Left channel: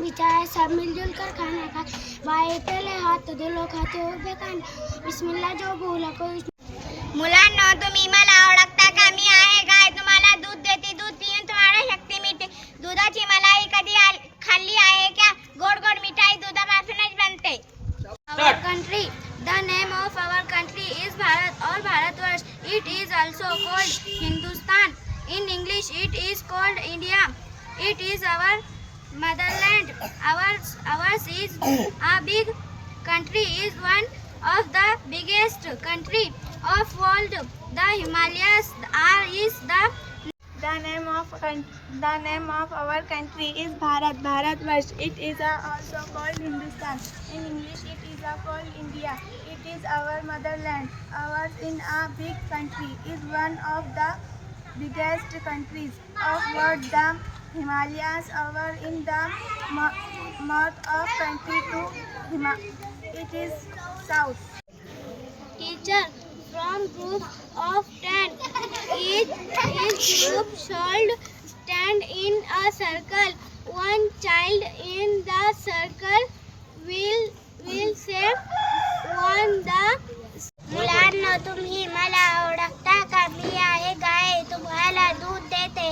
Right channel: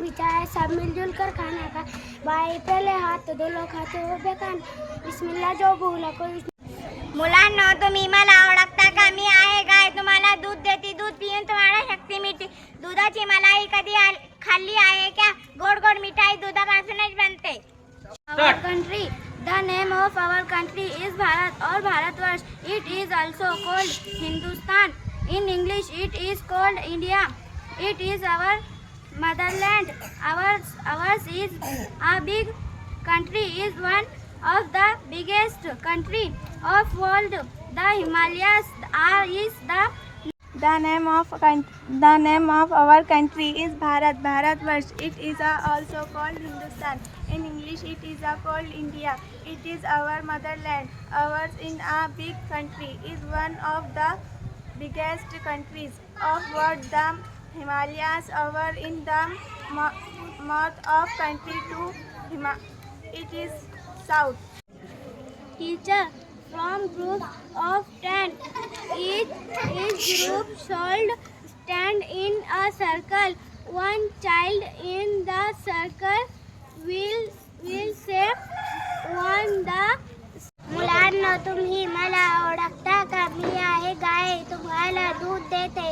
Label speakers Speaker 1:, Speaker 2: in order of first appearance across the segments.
Speaker 1: Plan बिछाया सब मिलजुल कर खाना खा। भाई पहले हाथ तो धुलो खाते हो बेकान बिस्मिल्ला जो भूला को
Speaker 2: मुलांना तुम्ही तो मला ओळखता का कमी आहे गाय तुम्हाला दूध देती दूध पिऊन तुम्हाला शक्ति मिळते दुधाची मलाई कधी खाल्ली आहे क्या? गोड गोड मिठाई दुधापासूनच बनते।
Speaker 1: Our country the name of our country is Bharat और Bharatvarsh it is also called Hindustan in English it is called India it is our motherland. Ours, ours is a big country. Is one of the biggest country of world. The Himalayas are is the
Speaker 3: The name of the name of our country is Bharat. Bharatvarsh. It is uh, also called Hindustan. In English, it is uh, called India. It is our motherland. Ours in a big country is one of the biggest countries of world. The Himalayas are in the mo- north of country to Hima- It is south.
Speaker 1: teacher from group of 10 each each group should stand in a circle one child in the circle will will say one the मुलांना तुम्ही मला ओळखता का मी आहे गाय तुम्हाला दूध देते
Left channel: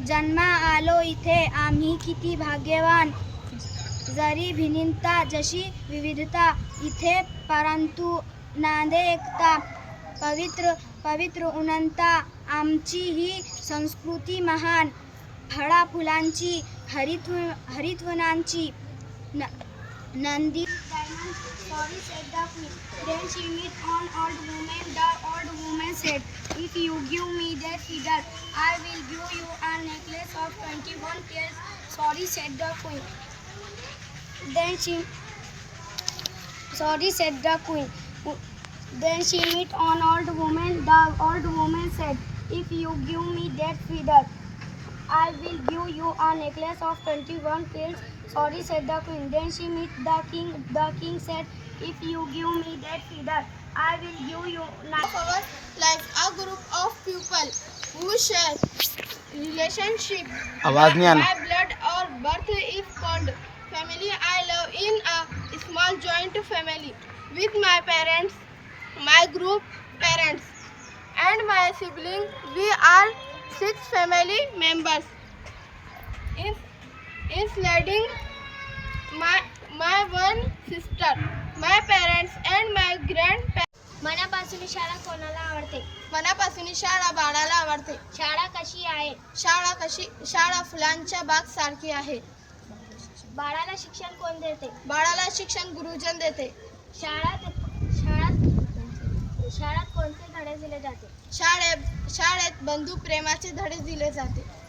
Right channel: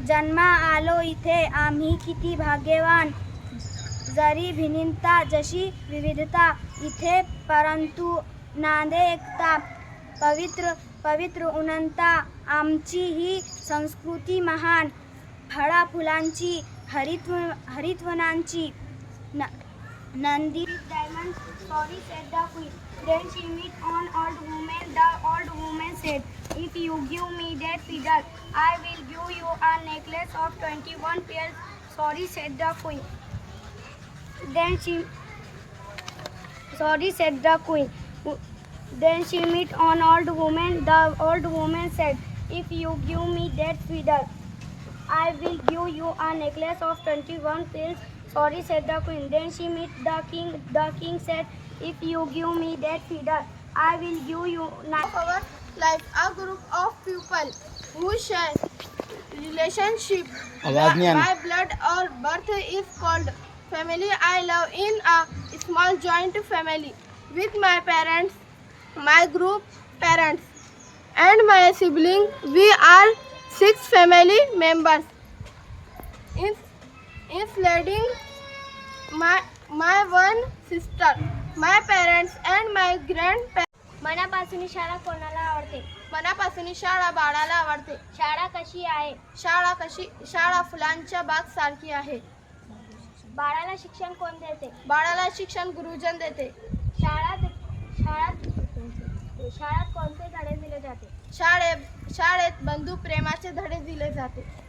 Speaker 1: जन्मा आलो इथे आम्ही किती भाग्यवान. जरी भिनिंता जशी विविधता इथे परंतु नांदे एकता. पवित्र पवित्र उनंता आमची ही संस्कृती महान. फळा फुलांची हरित्व हरितवनांची. न- Nandi diamond sorry said the queen. Then she meet on old woman the old woman said if you give me that feather i will give you a necklace of 21 pearls sorry said the queen. Then she sorry said the queen. Then she meet on old woman the old woman said if you give me that feather I will give you a necklace of 21 pearls. Sorry, said the queen. Then she met the king. The king said, If you give me that feather, I will give you nine.
Speaker 3: of our life a group of people who share relationship
Speaker 4: आवाज़ नहीं आना
Speaker 3: by blood or birth is called family i live in a small joint family with my parents my group parents and my sibling we are six family members in including my my one sister my parents and my grandparents
Speaker 1: मनापासून शाळा कोणाला आवडते?
Speaker 3: मनापासून शाळा बाळाला आवडते.
Speaker 1: शाळा कशी आहे?
Speaker 3: शाळा कशी शाळा फुलांच्या बाग सारखी आहे.
Speaker 1: बाळाला शिक्षण कोण देते?
Speaker 3: बाळाला शिक्षण गुरुजन देते.
Speaker 1: शाळात शाळात शाळात कोणते धडे दिले जाते?
Speaker 3: शाळेत शाळेत बंधू प्रेमाचे धडे दिले जाते.